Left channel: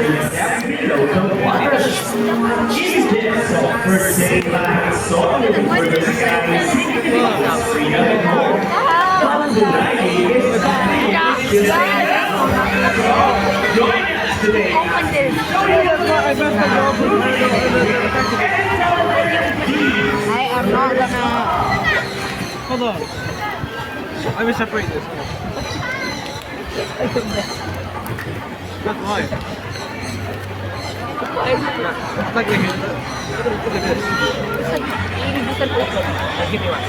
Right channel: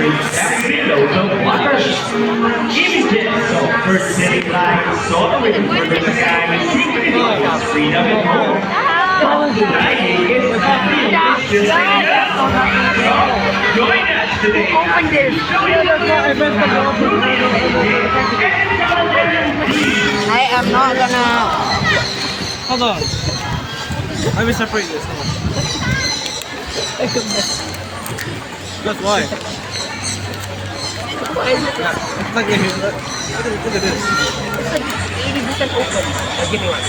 and local waters. Images of first city lights soaring through the sky signify freedom and hope. But the writing is nothing, it's just like that. So, join us today as we show you the world how truly amazing and talented. I am not gonna. Hold on. I will separate this. That's why. It's like a hit. Look at this. 80% open. Give me one.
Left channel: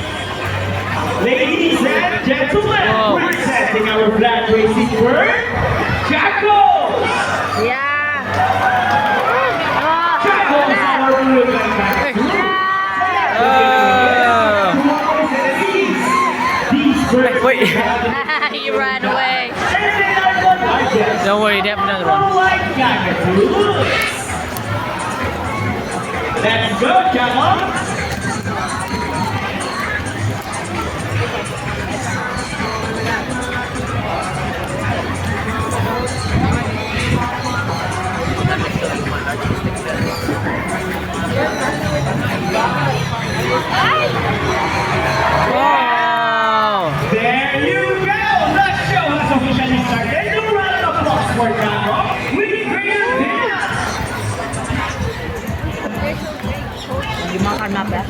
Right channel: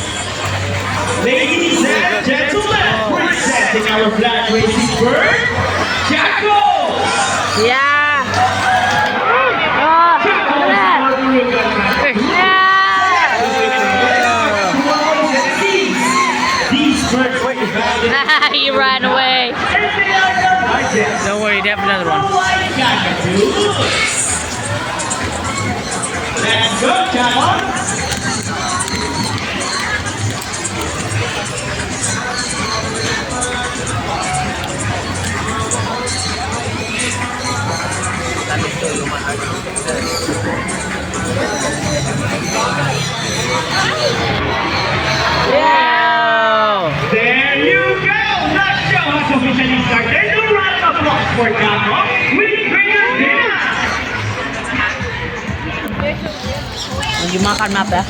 Ladies and gentlemen, presenting our black racing bird, Jacko! Yeah. Jacko is our real These birds Wait. You ran away. and they are not like this. Don't worry, they have another one. Like Jacko. Let's go, Jacko! Wow! There you go! The show has officially started. The round of applause for Jacko with greater dinner! Hindi makan mapa.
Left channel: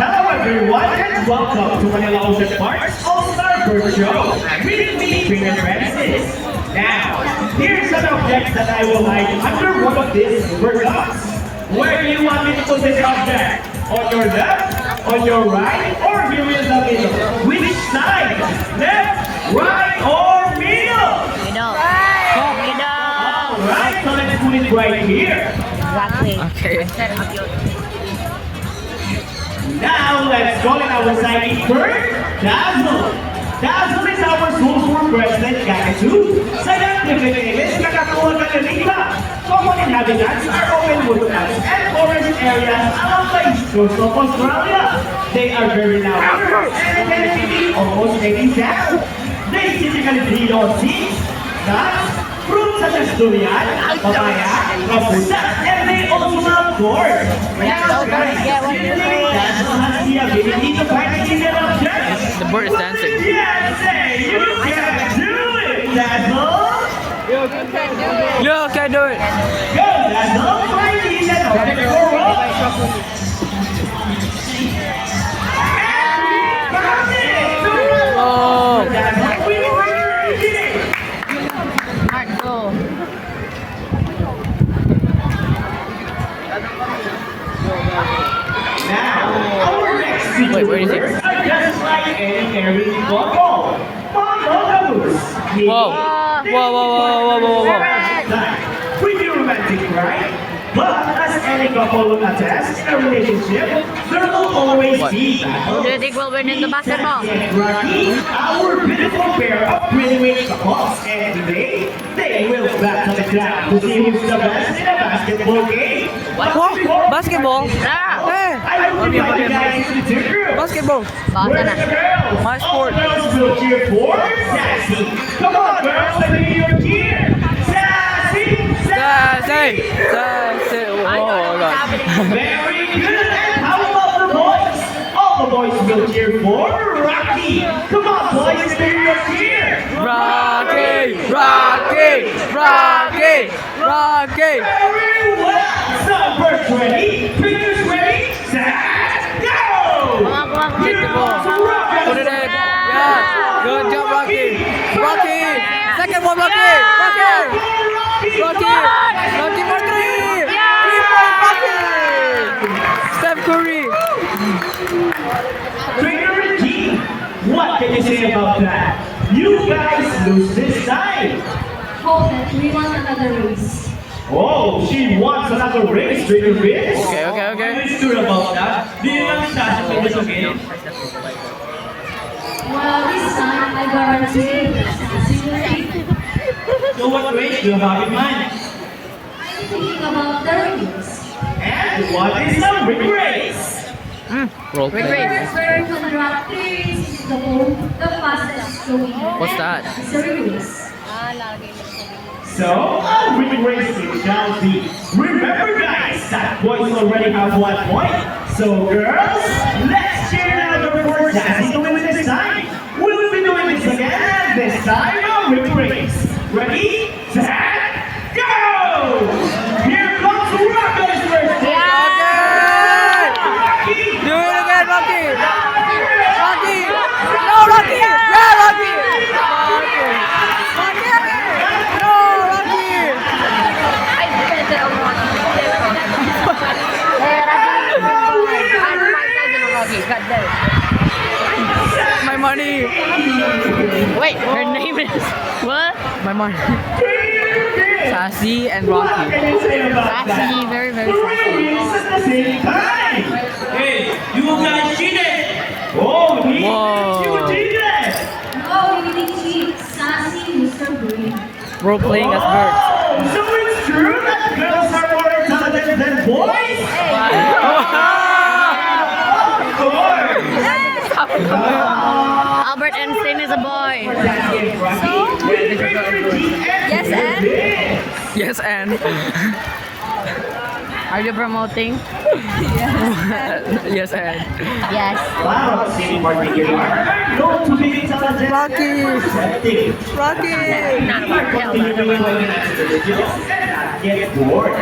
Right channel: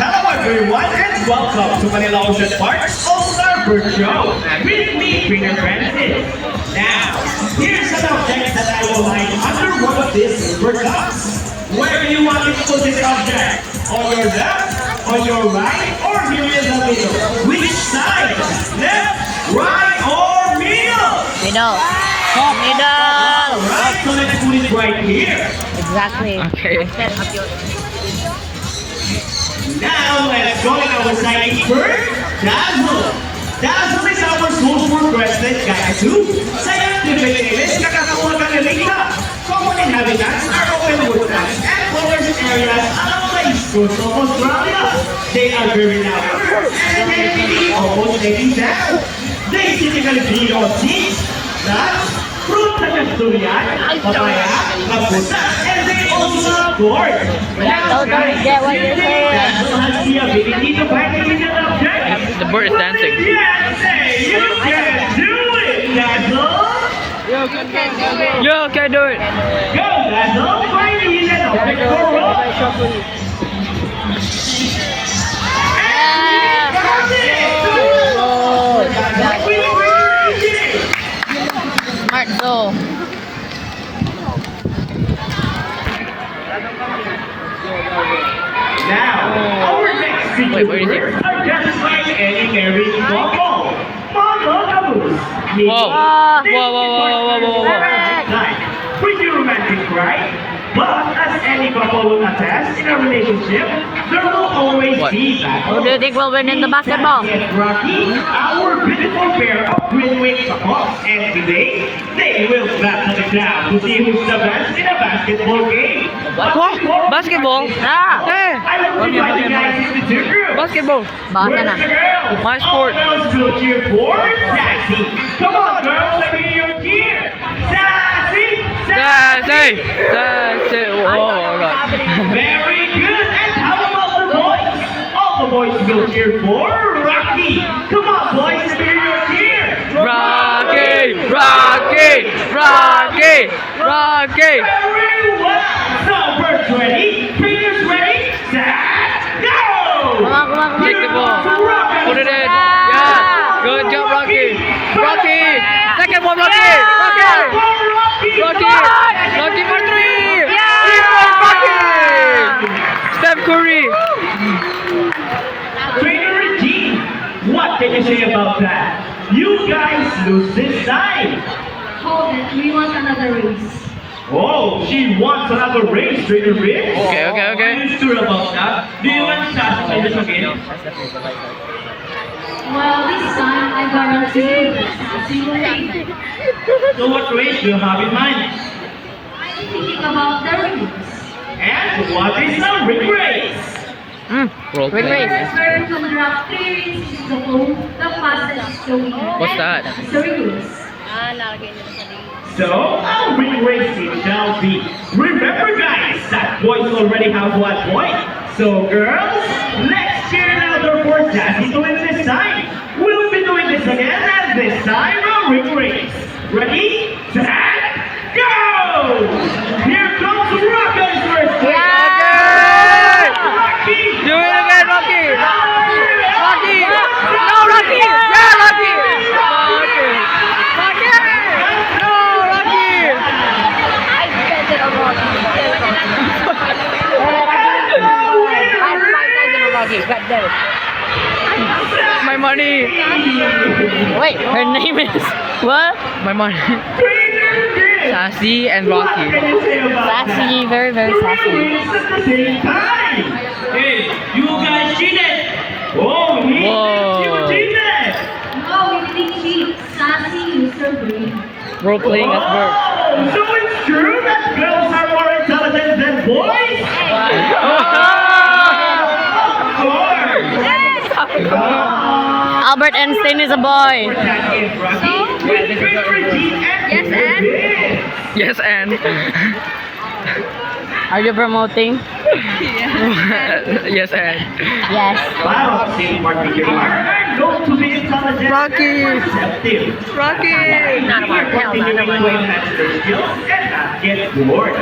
Hello everyone and welcome to Manila Ocean Park's All-Star Bird Show with me, Trainer Francis. Now, here's an object that I will hide under one of these bird cups. Where do you want me to put this object? On your left, on your right, or here in the middle? Which side? Left, right, or middle? Middle. Middle. Alright, so let's put it right here. Exactly. Okay. Now, let's go in our signing bird, Dazzle. Dazzle is our sulfur crested cockatoo. Sa active areas, kakakuha ka ng lingka. Common inhabitants are open woodlands and forest areas along the east coast of Australia. They are very loud and can feed almost any sound. They typically feed on seeds, nuts, fruits such as durian, papaya, rambutan, and they also board. Now, guys, you think Dazzle has the ability to find a hidden object? The bird is dancing. Yes, say you can do it, Dazzle! Yo, can do it. Go, Dazzle! Find the hidden object for roll! And we found it! Whoa. Dazzle, we really did it! Smart go. Now, our next feature Wait, where is it? birds are just like any married couple. Monogamous. Whoa. Whoa, whoa, whoa, whoa, whoa, whoa. Pretty romantic, right? But as any couple will attest, in a relationship, there will always What? be Who battles. do you think will win in the basketball? Rocky, our beautiful pair of twin-winged macaws, and today, they will battle the ground to see who's the best in a basketball game. But What? before- Basketball? Yeah. I will invite you guys to two groups. Basketball. Where's the girls? My sport. All girls will cheer for Sassy. Come on, girls, let me hear your cheer. Sassy, Sassy. Sassy. Oh, God. Very good. And how about the boys? All the boys will cheer for Rocky. Come on, boys, let me hear your cheer. Rocky. Rocky. Rocky. Rocky. Very well. So, first ready, fingers ready, set, go! Take the ball. Put it in. Yeah. Good job, Rocky. Rocky. Second one, Rocky. Rocky. Rocky. Rocky for three. 3-point Rocky. Steph Curry. Trainer G, what can you say about that? You guys lose this time. Hold it, we want another race. Oh, she wants another race, Trainer Rich. Okay, okay, okay. Are you sure about that? Do you want Sassy to this again? Well, this time I guarantee you Sassy will win. So what race do you have in mind? I'm thinking about the race. And what is the ring race? Roll The play. first where you can drop is the fastest flowing. What's that? It's a race. So, our race shall be. Remember, guys, that boys already have 1 point. So, girls, let's cheer another for Jazzy to win this time. We'll be doing this again, and this time our race. Ready, set, go! Here comes Rocco's first. Rocky! Do it again, Rocky! Rocky! No, Rocky! Yeah, Rocky! Rocky! Rocky! No, Rocky! My money! Wait, her name is what? My money. Sassy and Rocky. Sassy, very, very sassy. At the same time. Hey, you guys cheated! Oh, Whoa. you cheated! No, we didn't cheat. Sassy, you're so brave. Role playing as birds. Oh, so it's true that girls are more intelligent than boys? Of course! Albert Einstein is a boy. Yes, and? Yes, and. Are you promoting? Yes, and. Yes. Wow, see what we are going to be intelligent. Rocky! Receptive. Rocky! Not about hell, not about And get bored.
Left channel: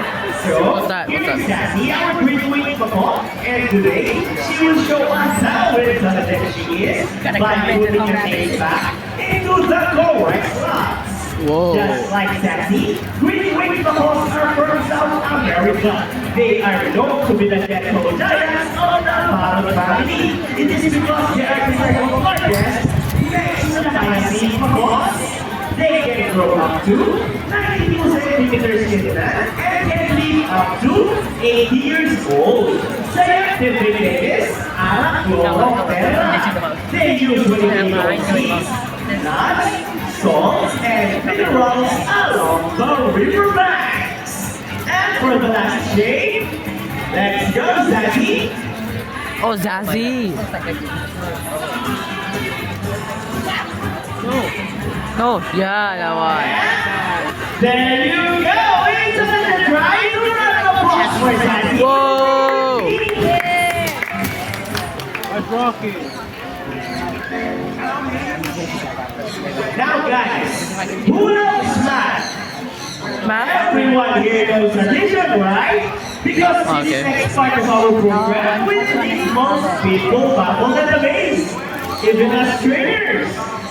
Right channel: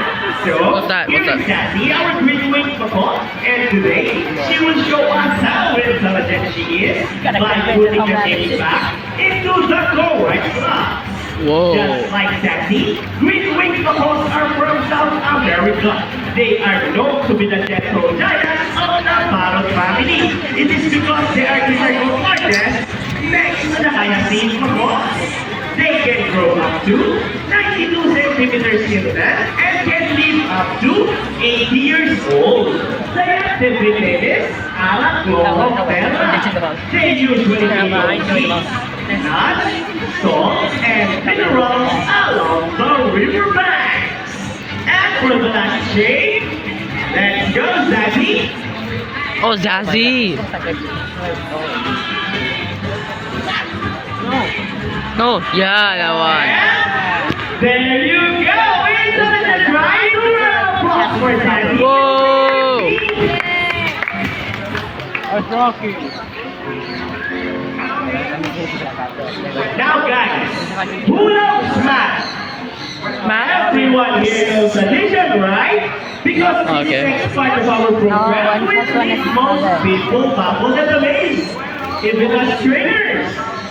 So, What's that? What's that? here's Sassy, our graduate performer, and today she will show us how intelligent she is by putting her name back into the correct slots. Whoa. Just like Sassy, graduate performers are from South America. They are known to be the gentle giants of the Parrot family. It is because they are the largest next to the Miocene performers. They can grow up to 92 centimeters in length and can live up to 80 years old. Sa activities, ang Flora. They usually eat seeds, nuts, salt, and minerals along the riverbanks. And for the last shade, let's go, Zazie. Oh, Zazzy! No, yeah, that one. There you go! Intelligent, right? Round of applause for Zazie. Whoa! Now, guys, who knows math? Math? Everyone here knows addition, right? Because in Okay. the next part of our program, we need most people baffled and amazed. Even us trainers.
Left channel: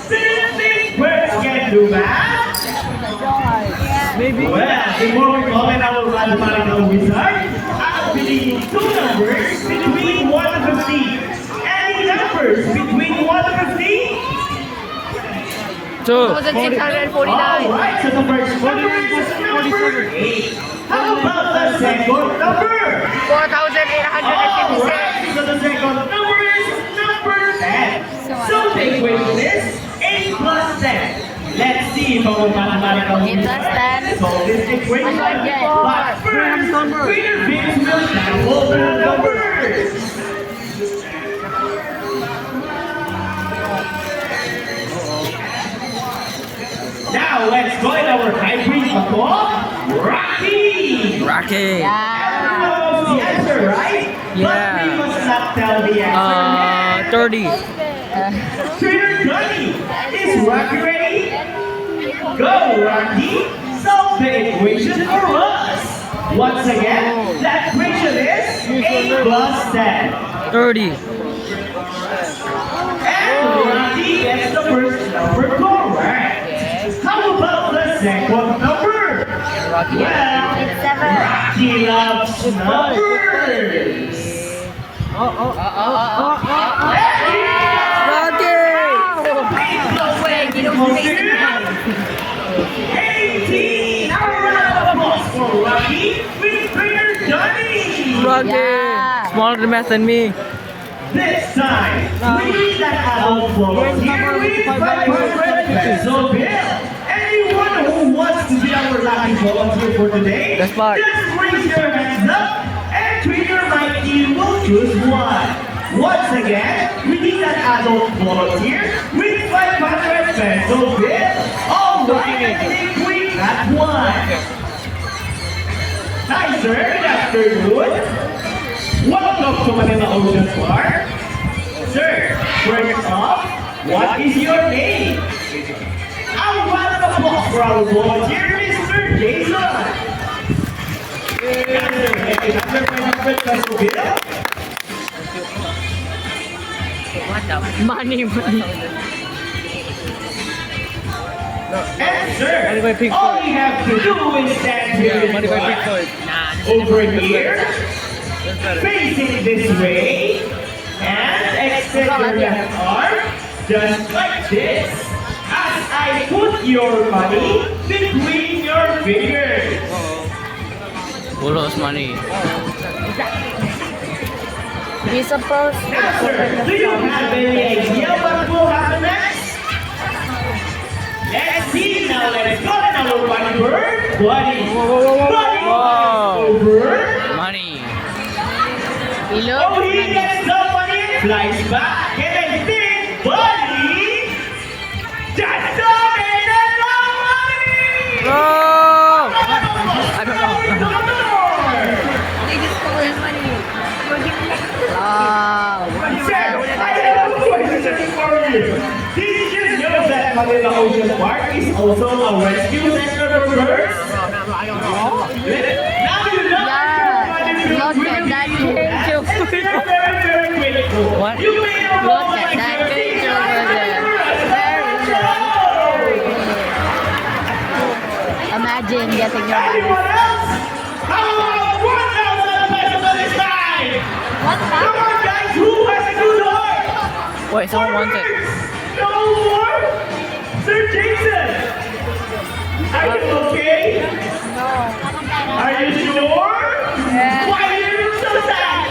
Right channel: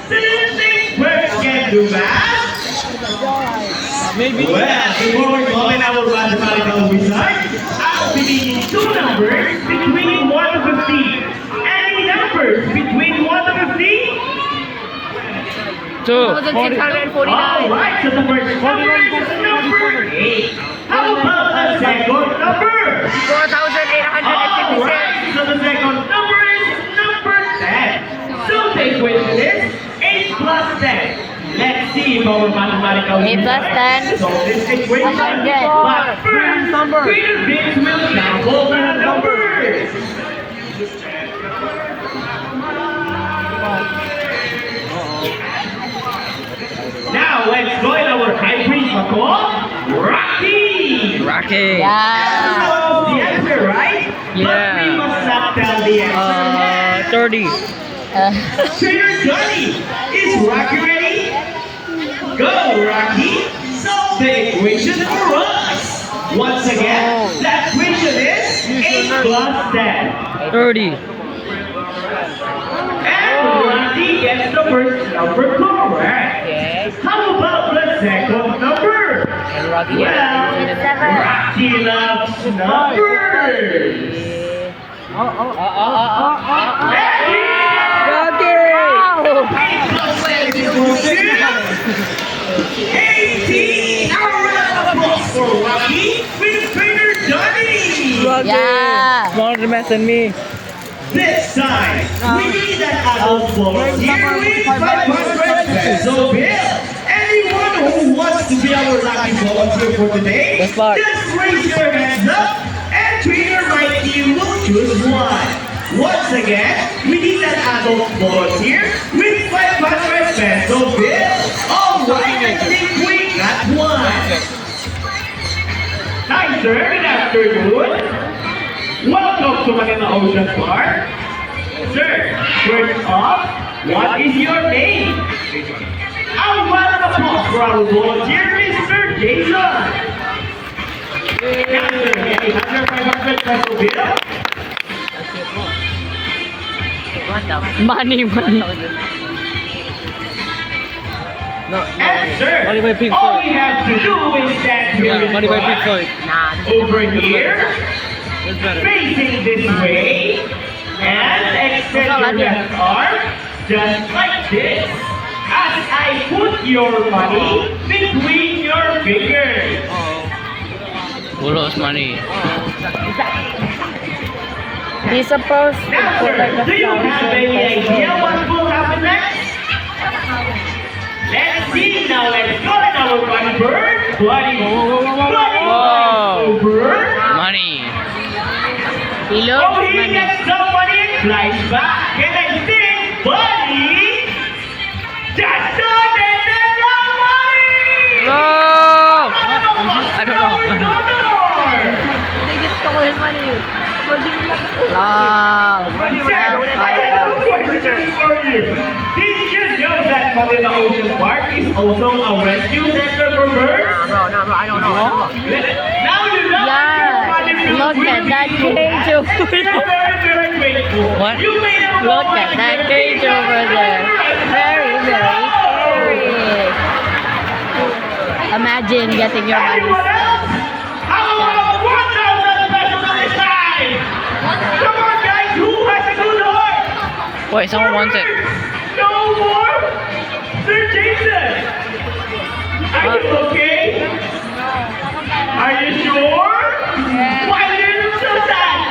Do you think birds can do math? Maybe. Well, before we call in our mathematical wizard, I'll be needing 2 numbers between 1 to 15. Any numbers between 1 to 15? 2. 649. Alright, so the first number is number 8. How about the second number? 4,856. Alright, so the second number is number 10. So the equation is 8 plus 10. Let's see if our mathematical 8 plus 10. solve this equation. But first, Peter Vince will shuffle the numbers. Now let's join our hybrid couple, Rocky. Rocky! Yeah. Knows the answer, right? Yeah. But we must not tell the answer. 30. Trainer Johnny, is Rocky ready? Go, Rocky. Solve the equation for us. Once again, that equation is 8 plus 10. 30. And Rocky gets the first number correct. How about the second number? Well, Rocky loves numbers. Rocky! 18! A round of applause for Rocky with Trainer Johnny! Rocky! Yeah. Smarter math than me. This time, we need an adult volunteer with 500 peso bill. Anyone who wants to be our lucky volunteer for today, That's smart. just raise your hands up and Trainer Mikey will choose one. Once again, we need an adult volunteer with 500 peso bill. All right, Hi, sir. Good afternoon. Welcome to Manila Ocean Park. Sir, first off, what is your name? Ang round of applause for our volunteer, Mr. Jason. Yes, sir. Another 500 peso bill. Money. And sir, Money by Pink all Floyd. we have to do is stand here in Money by Pink front, Floyd. over here, facing this way, and extend your left arm just like this. As I put your money between your fingers. Bulos money. He's supposed to Now, put like sir, a do you have any idea what will happen next? Let's see. Now let's go to our buddy bird. Buddy. Buddy. Whoa. Bird. Money. Below. Oh, he gets the money and flies back. And I think, buddy, just donated the money! Oh! I don't know. They just stole his money. Wow. Sir, I have a question for you. Did you know that Manila Ocean Park is also a rescue center for birds? No, I don't know. Now you know Yeah. money feels Look at really that good. cage over You're there. very, very grateful. What? You made a Look moment at that like cage this. over there. Very, very scary. Imagine getting your money. Anyone else? How about 1,000 pesos on this side? Come on, guys. Who has a good heart? Wait, someone wants it. No more? Sir Jason, are you okay? Are you sure? Why are you so sad?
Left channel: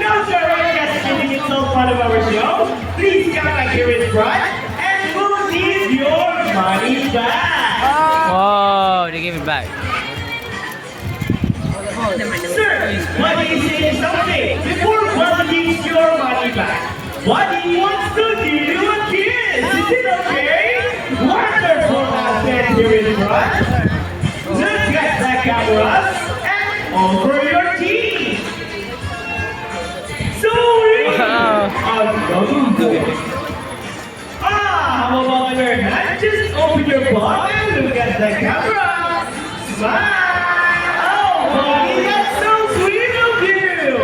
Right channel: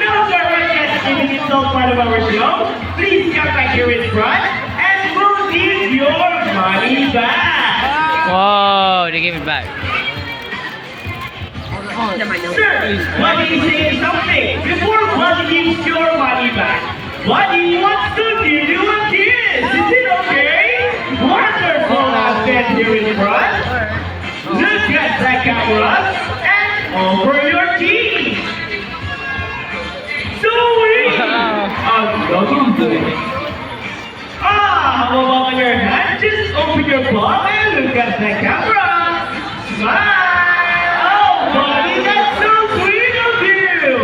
No, sir, we're just kidding. It's all part of our show. Please come back here in front and we'll give your money back. Whoa, they gave it back. Sir, Buddy is saying something. Before Buddy gives your money back, Buddy wants to give you a kiss. Is it okay? Wonderful. Now stand here in front. Look at the cameras and over your teeth. So easy. How do you do it? How about your hand? Just open your palm and look at the camera. Smile. Oh, buddy, that's so sweet of you.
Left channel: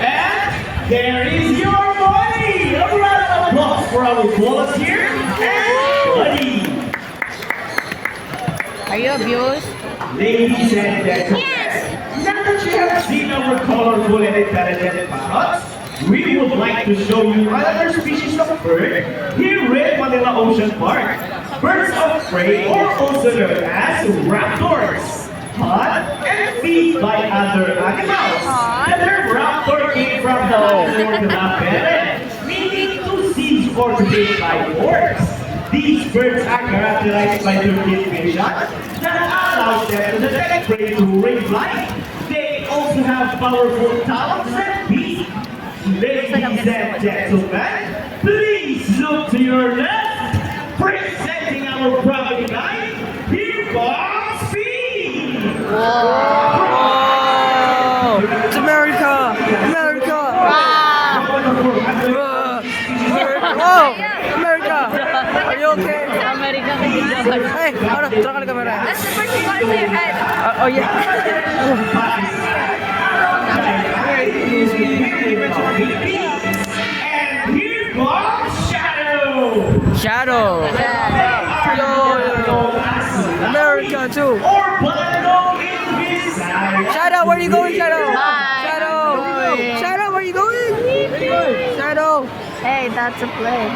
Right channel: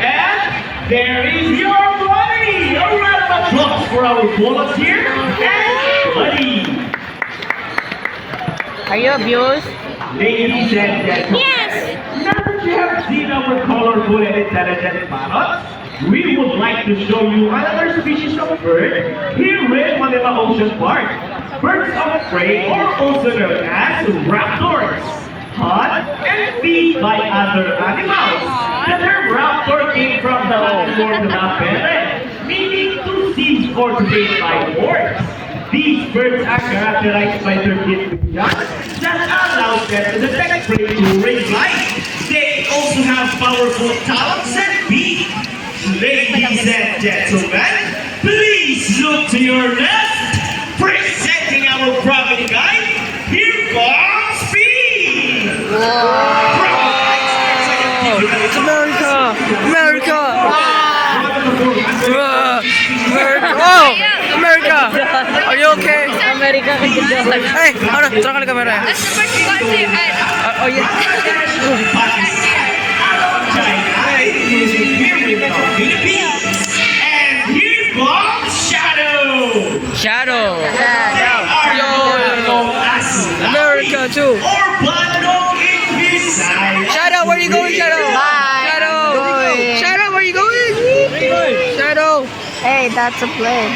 And there is your money. A round of applause for our volunteer and buddy. Are you abused? Ladies and gentlemen, now that you have seen our colorful and intelligent parrots, we would like to show you another species of bird here in Manila Ocean Park. Birds of prey, or also known as raptors, hunt and feed by other animals. The term raptor came from the Latin word meaning to seize or to take by force. These birds are characterized by their keen vision that allows them to detect prey during flight. They also have powerful talons and beak. Ladies and gentlemen, please look to your left. Presenting our private guide, here comes Speed. It's America! America! America! Oh! America! Are you okay? America. Hey, ano? Tara ka kamera. That's the first one to your head. Oh, yeah. And here comes Shadow. Shadow. They are Yo. known as America too. or Bando in his side. Shadow, where you going, Shadow? Bye. Shadow. Shadow, where you going? Shadow. Hey, that's a play.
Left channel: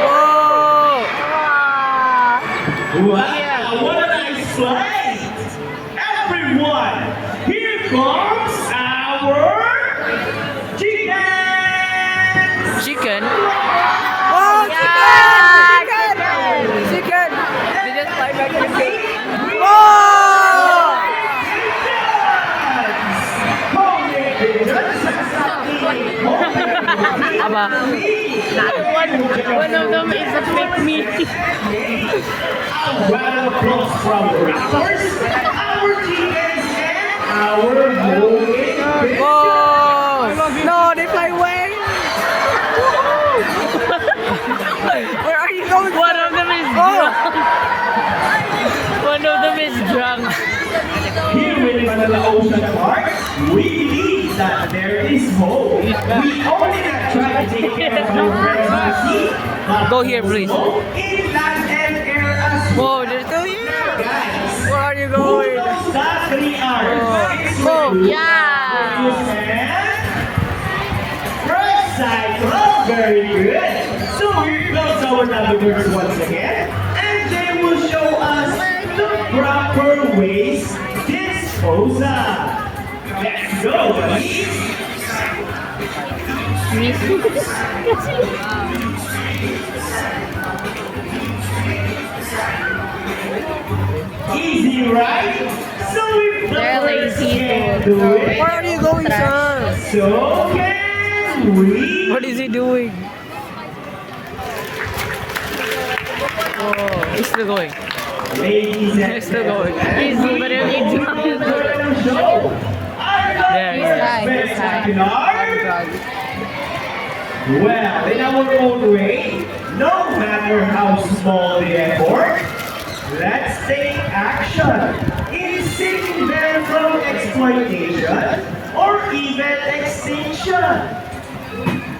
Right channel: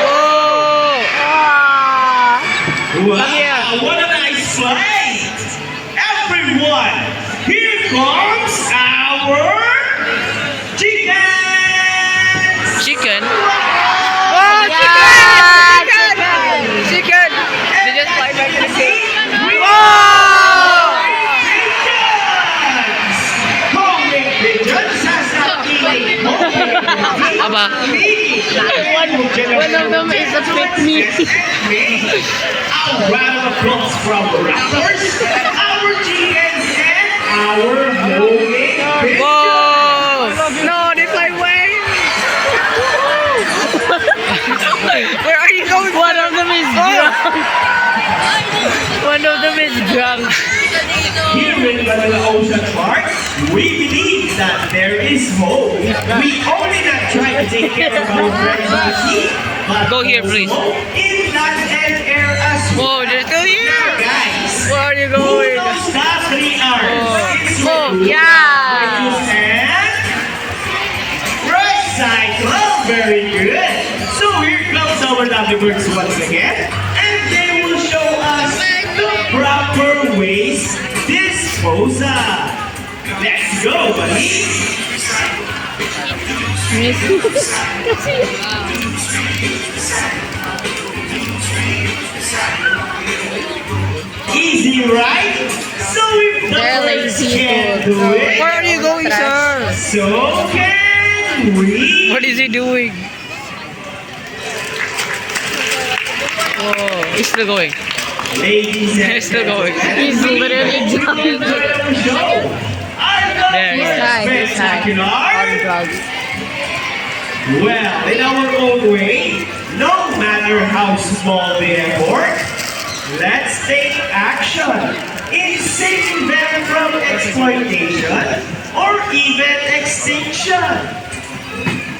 Whoa. Wow, what a nice flight! Everyone, here comes our chickens! Chicken. Oh, chicken! Chicken! Chicken! They just fly back to the cage. Whoa! Homemade pigeons has Aba. One of them is a fake meat. round of applause from the Raptors, our chickens, and our homemade biscuits. Whoa! No, they fly away! Where are you going? One of them is Oh! drunk. One of them is drunk. Here in Manila Ocean Park, we believe that there is hope. We only not try to take care of our friends on the sea, but Go here, please. also in land and air as well. Whoa, they're still here! Guys, Where are you who going? knows that 3 hours? Oh. It's Oh, you. yeah. Right cycle, very good. So here comes our lovely birds once again, and they will show us the proper waste disposal. Let's go, buddy. Easy, right? So if the They're birds lazy can people. do it, Where are you going, sir? so can we. What is he doing? Oh, he's still going. Ladies and He's still going. He's literally jumping. There, yeah. Spectacular. Well, in our own way, no matter how small the effort, let's take action in saving them from exploitation or even extinction.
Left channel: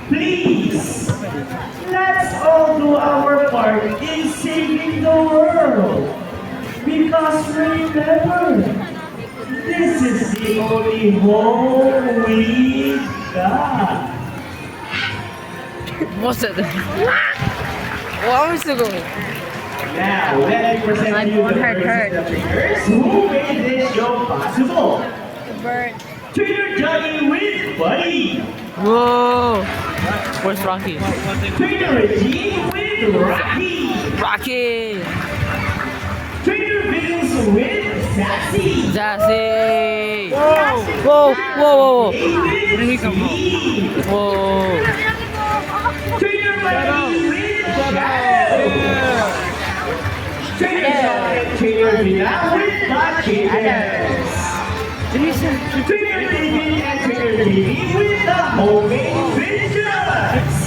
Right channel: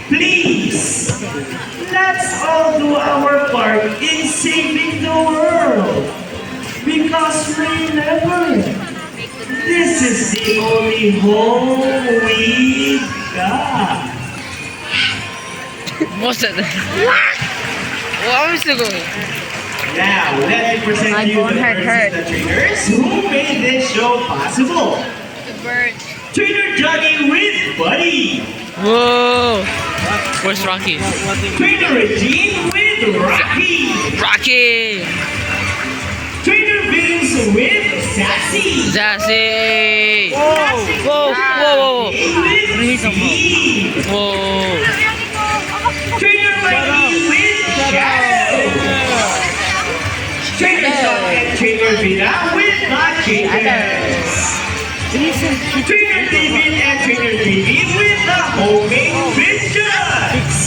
Please, let's all do our part in saving the world. Because remember, this is the only home we got. What's that? Where are you still going? Now, let me present you the first trainers who made this show possible. Trainer Johnny with Buddy. Whoa! Where's Rocky? Trainer Regine with Rocky. Rocky! Trainer Vince with Sassy. Zazie! Whoa! Whoa! Whoa! With Steve. Whoa! Trainer Wendy with Shadow. Trainer Sean and Trainer Vina with the chickens. Trainer David and Trainer David with the homemade biscuits.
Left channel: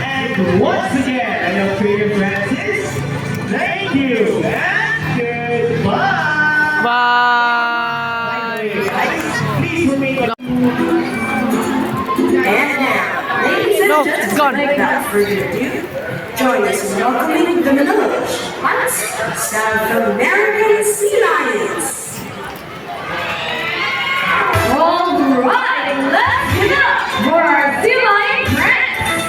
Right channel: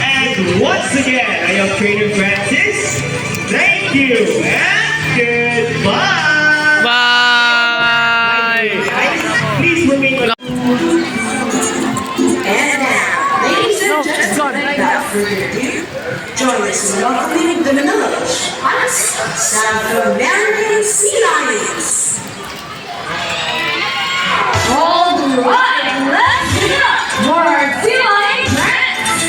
And once again, I am Trainer Francis. Thank you and goodbye. Bye! Guys, please remain. And now, ladies and No, it's gone. gentlemen, without further ado, join us in welcoming the Manila Ocean Parks South American Sea Lions. All right, let's give it up for our Sea Lion friends.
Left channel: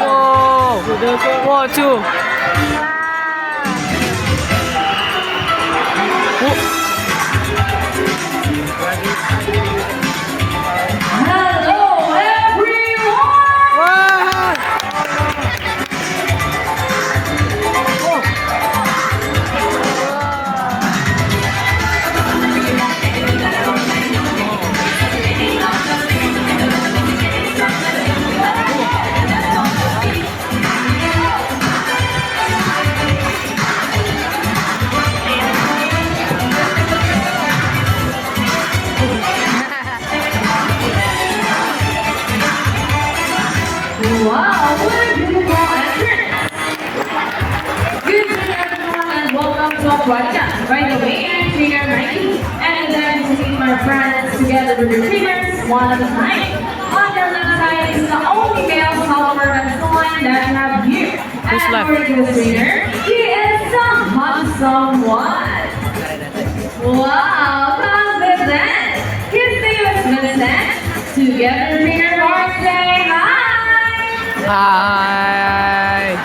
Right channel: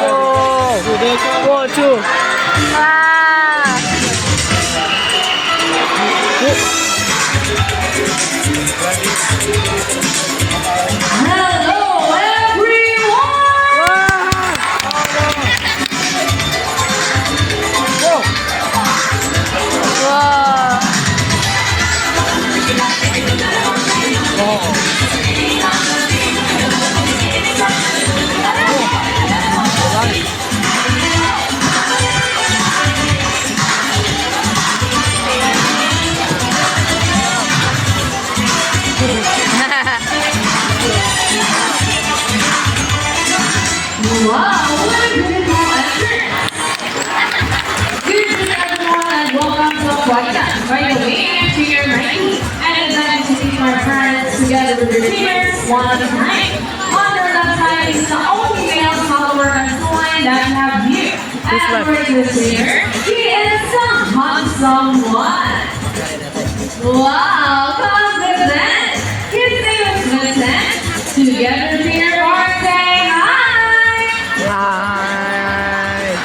Whoa! Whoa, two! Hello, everyone. Wow! Wow, what a beautiful entrance! Good evening, everyone, and welcome to our podcast. By the way, I'm Trainer Mikey, and I'm glad to see my friends together with their trainers one time. On their left side is the only male follower and line that I have here. Who's And left? for this trainer, he is the handsome one. Wow, confident! His name is Vincent. Together, trainer, or say hi! Hi!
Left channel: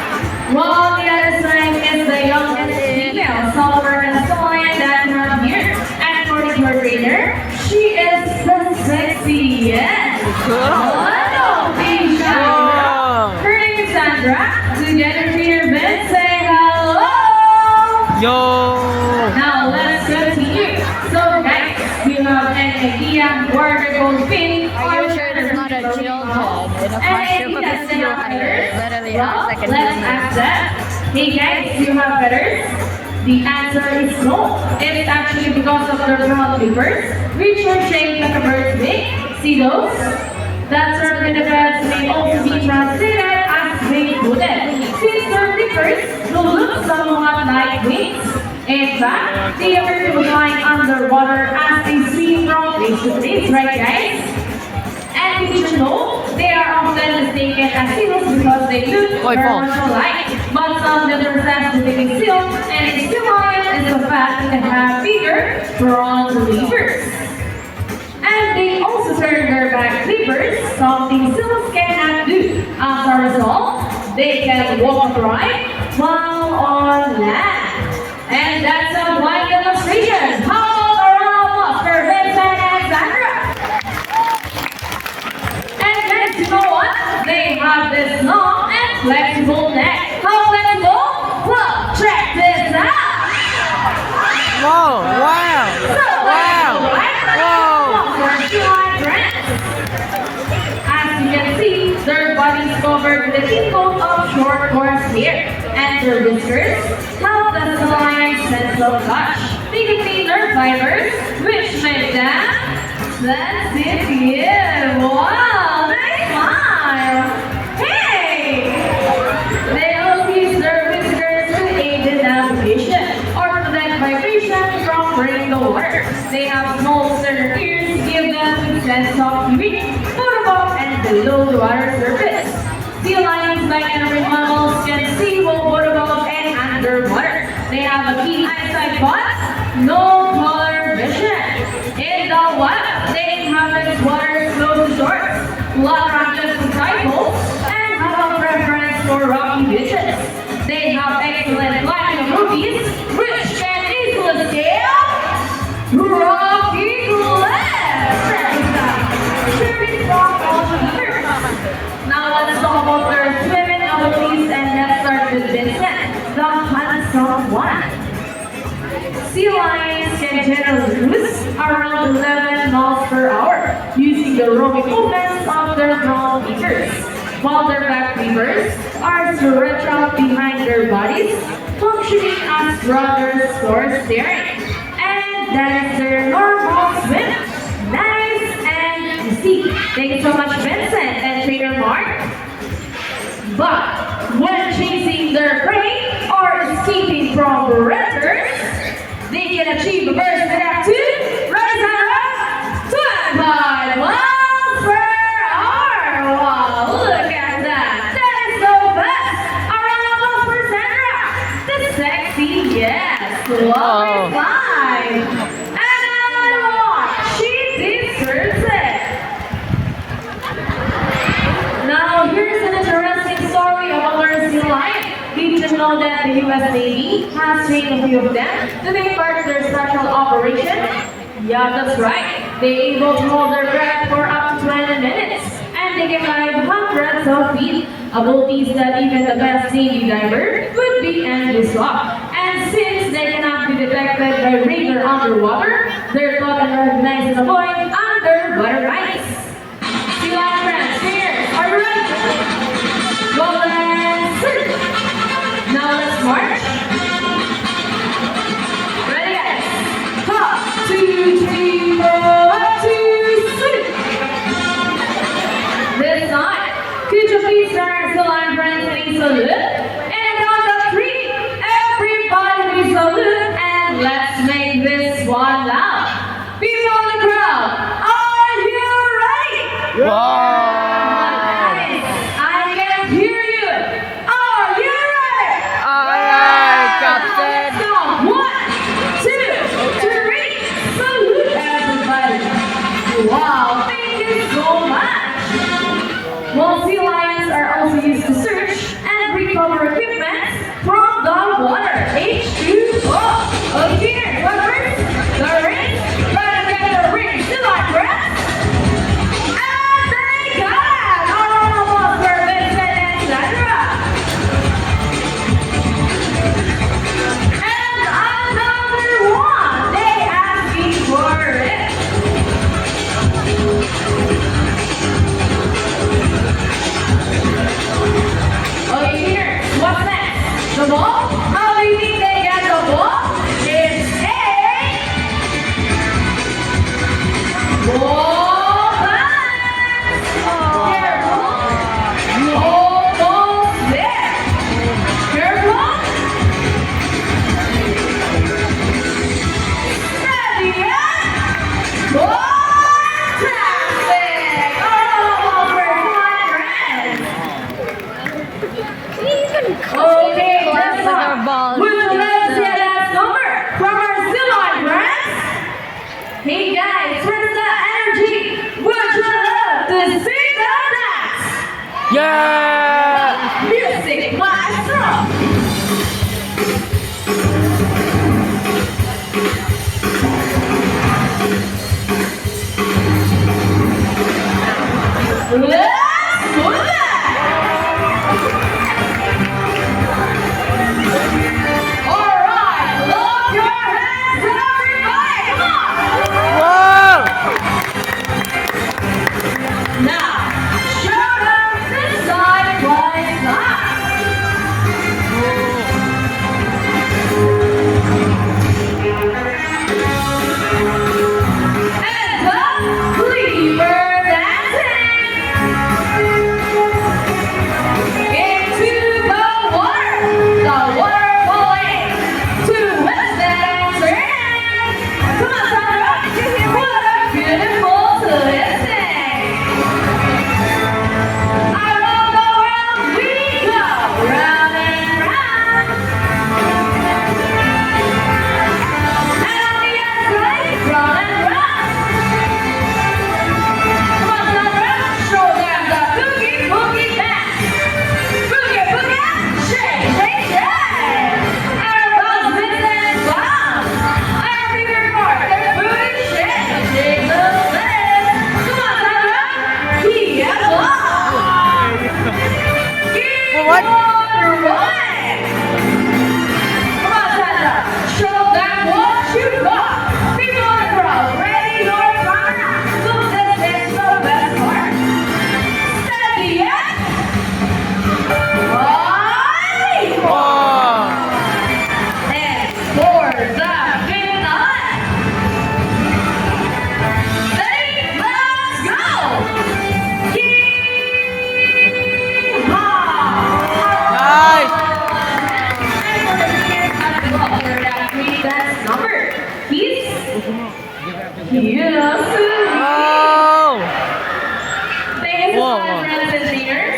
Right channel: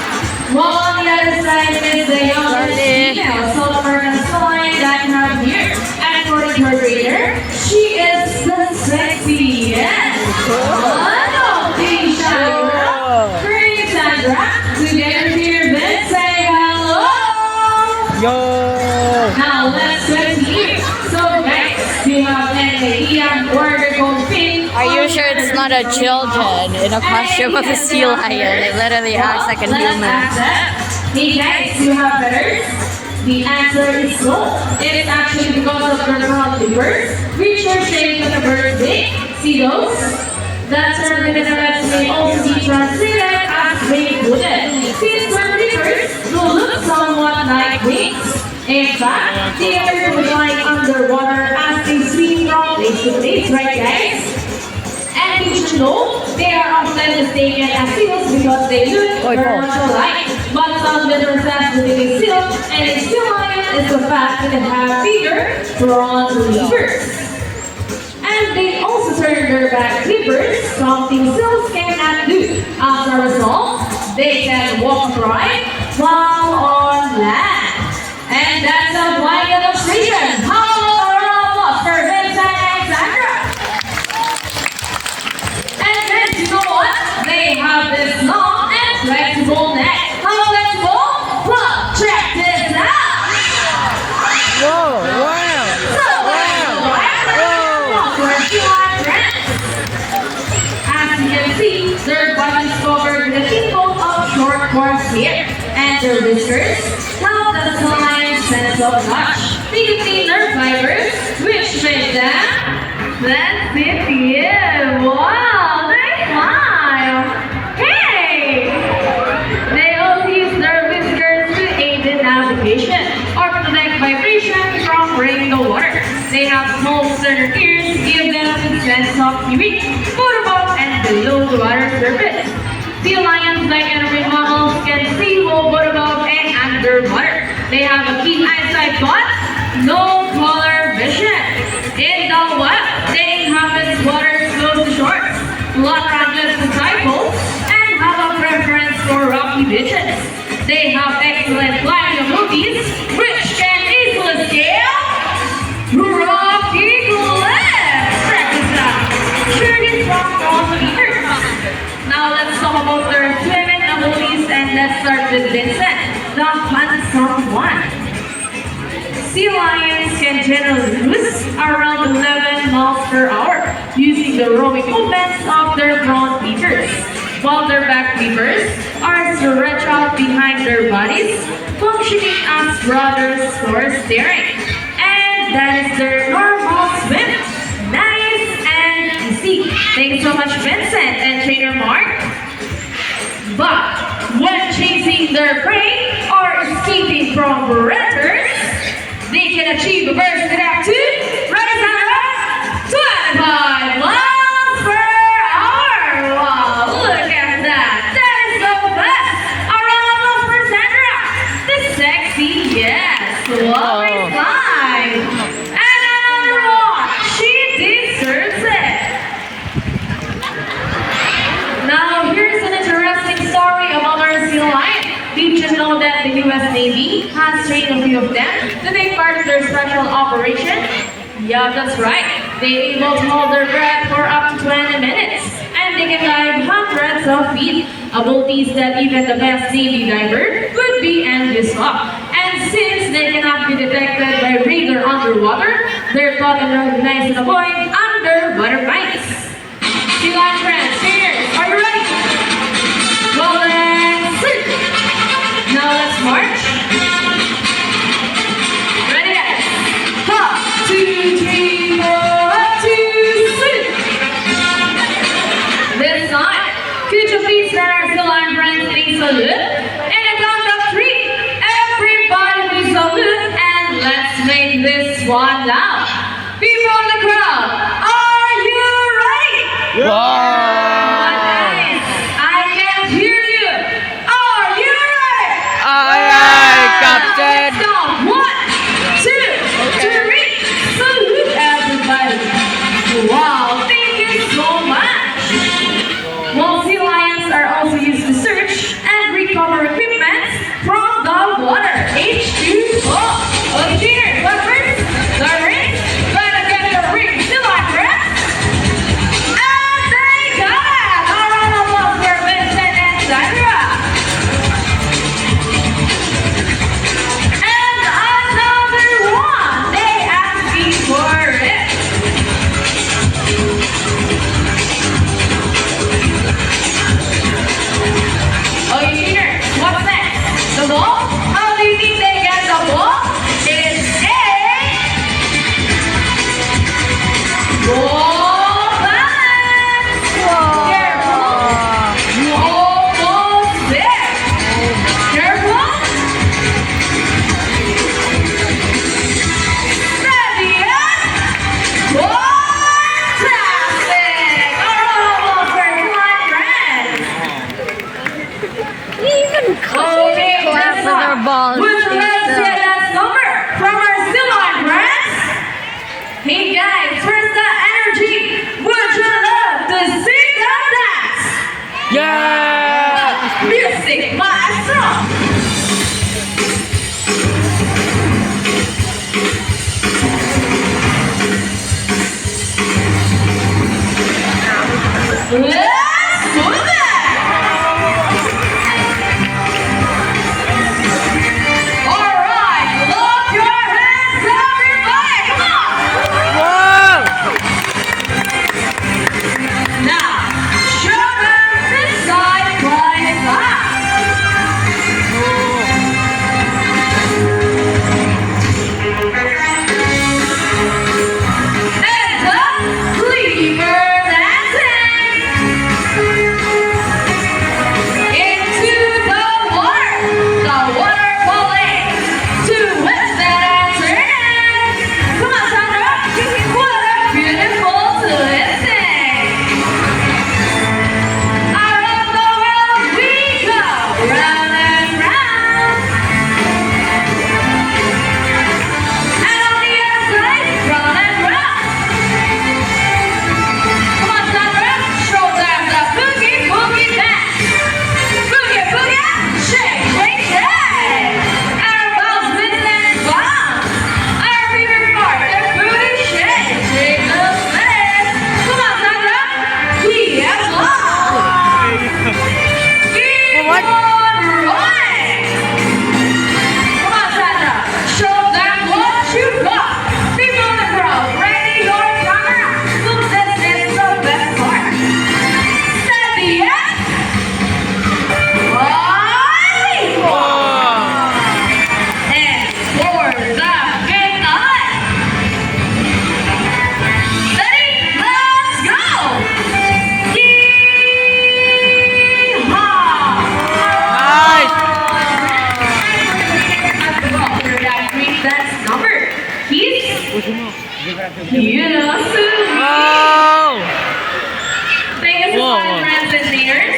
Well, on the other side is the younger female solver and line that I have here. And according to her trainer, she is the sexiest. Hello, baby Sandra. Bring Sandra. Together here, Vince, say hello. Yo! Now let's continue. So guys, do you have any idea where we're going? Are you sure it's not a children in a costume of a sea lion. It literally acts like a Let's human. ask that. Hey guys, do you have feathers? The answer is no. It is actually because of their brown flippers, which are shaped like a bird's wing. See those? That term in the birds may also be translated as wing-footed, since their flippers will look somewhat like wings. In fact, they appear to be flying underwater as they swim from place to place, right guys? And you should know, they are often mistaken as seals because they look Oi, very Paul. much alike. But some differences between a seal and a sea lion is the fact that they have bigger front levers. And they also turn their back levers, something seals cannot do. As a result, they can walk right while on land. And that's a blind demonstration. How about a round of applause for Vincent and Sandra? And then, you know what? They have this long and flexible neck. How flexible? Well, check this out. Whoa! Wow! So, Wow! Whoa! as you can see, their bodies covered with a tingle of short coarse hair, and their whiskers help the sea lion's sense of touch. They contain nerve fibers, which make them sensitive. Wow, nice smile. Hey! They also use their whiskers to aid in navigation or protect vibration from breaking the water. They have small external ears to give them a sense of hearing, both above and below the water surface. Sea lions, like any mammals, can see both above and underwater. They have a keen eyesight but no color vision. In the wild, they inhabit waters close to shores, lot ranges to cycles, and have a preference for rocky beaches. They have excellent flying abilities, which can easily scale rocky cliffs. Check this out. Sure, these rocks also eaters. Now let's talk about their swimming abilities, and let's start with Vincent, the handsome one. Sea lions can generally cruise around 11 miles per hour using the rowing movements of their front features, while their back levers are stretched out behind their bodies, functioning as rudders for steering. And that is their normal swim. Nice and easy. Thank you so much, Vincent and trainer Mark. But when chasing their prey or escaping from predators, they can achieve a burst speed up to, right Sandra? 25 miles per hour. Wow, look at that. That is so fast. A round of applause for Sandra. The sexy, yes. Wow. Fine. And another one. She deserves it. Now, here's an interesting story about our sea lion. Did you know that the U.S. Navy has trained a few of them to take part in their special operation? Yeah, that's right. They're able to hold their breath for up to 20 minutes, and they can dive hundreds of feet, abilities that even the best Navy diver would be envious of. And since they cannot be detected by radar underwater, they're taught and recognized and avoid underwater bites. Sea lion friends, cheers! Are you ready? Well then, sit! Now let's march. Ready guys? 1, 2, 3, 4, 2, 6. This time, could you please let our sea lion friends in a salute? And a count of 3. Everybody please salute, and let's make this one loud. People on the crowd, are you ready? Wow! Guys, I can hear you. Are you ready? Aye, aye, Captain! Let's go. 1, 2, 3. Salute everybody. Wow, thank you so much. Well, sea lions are also used to search and recover equipment from the water. H2O. Okay, cheers. What first? The ring. Gotta get the ring. Sea lion friends. And they got Yeah! Music Maestro! Let's move it! Alright, lock your hands, everybody! Come Wow! on! Now, show them this side by side. And up, cleaver dancing into the water falling to west and turn. Come on, Sandra, what a beautiful twisting. Around the world we go, round and round. And on the other side, round and round. Come on, Sandra, show them the boogie boogie dance. Boogie boogie, shake, shake, shake. Everyone's spin and bounce. Our favorite part, the booty shake, shake the spin. Come on, Sandra, keep on. Keep What? on rolling. Come on, Sandra, show them what you got. People on the crowd, ready your camera. Look, this is the best part. Steady, yeah? Bye. Oh! And for the finale. Ready? Let's go! Yeehaw! Nice! That's number. You know, Wow! thank you so Whoa, much, whoa. friends and leaders.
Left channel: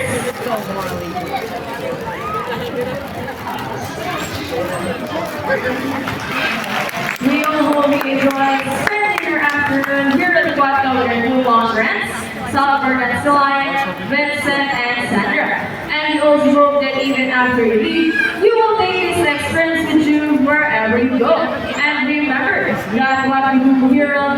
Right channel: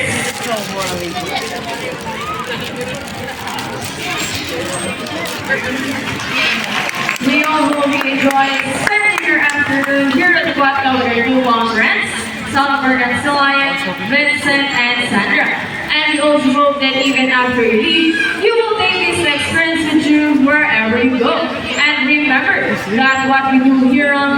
We all will be enjoying spending your afternoon here at the Black with our new long friends, Salford and Celine, Vincent and Sandra. And we also hope that even after you leave, you will take this experience with you wherever you go. And remember that what we do here on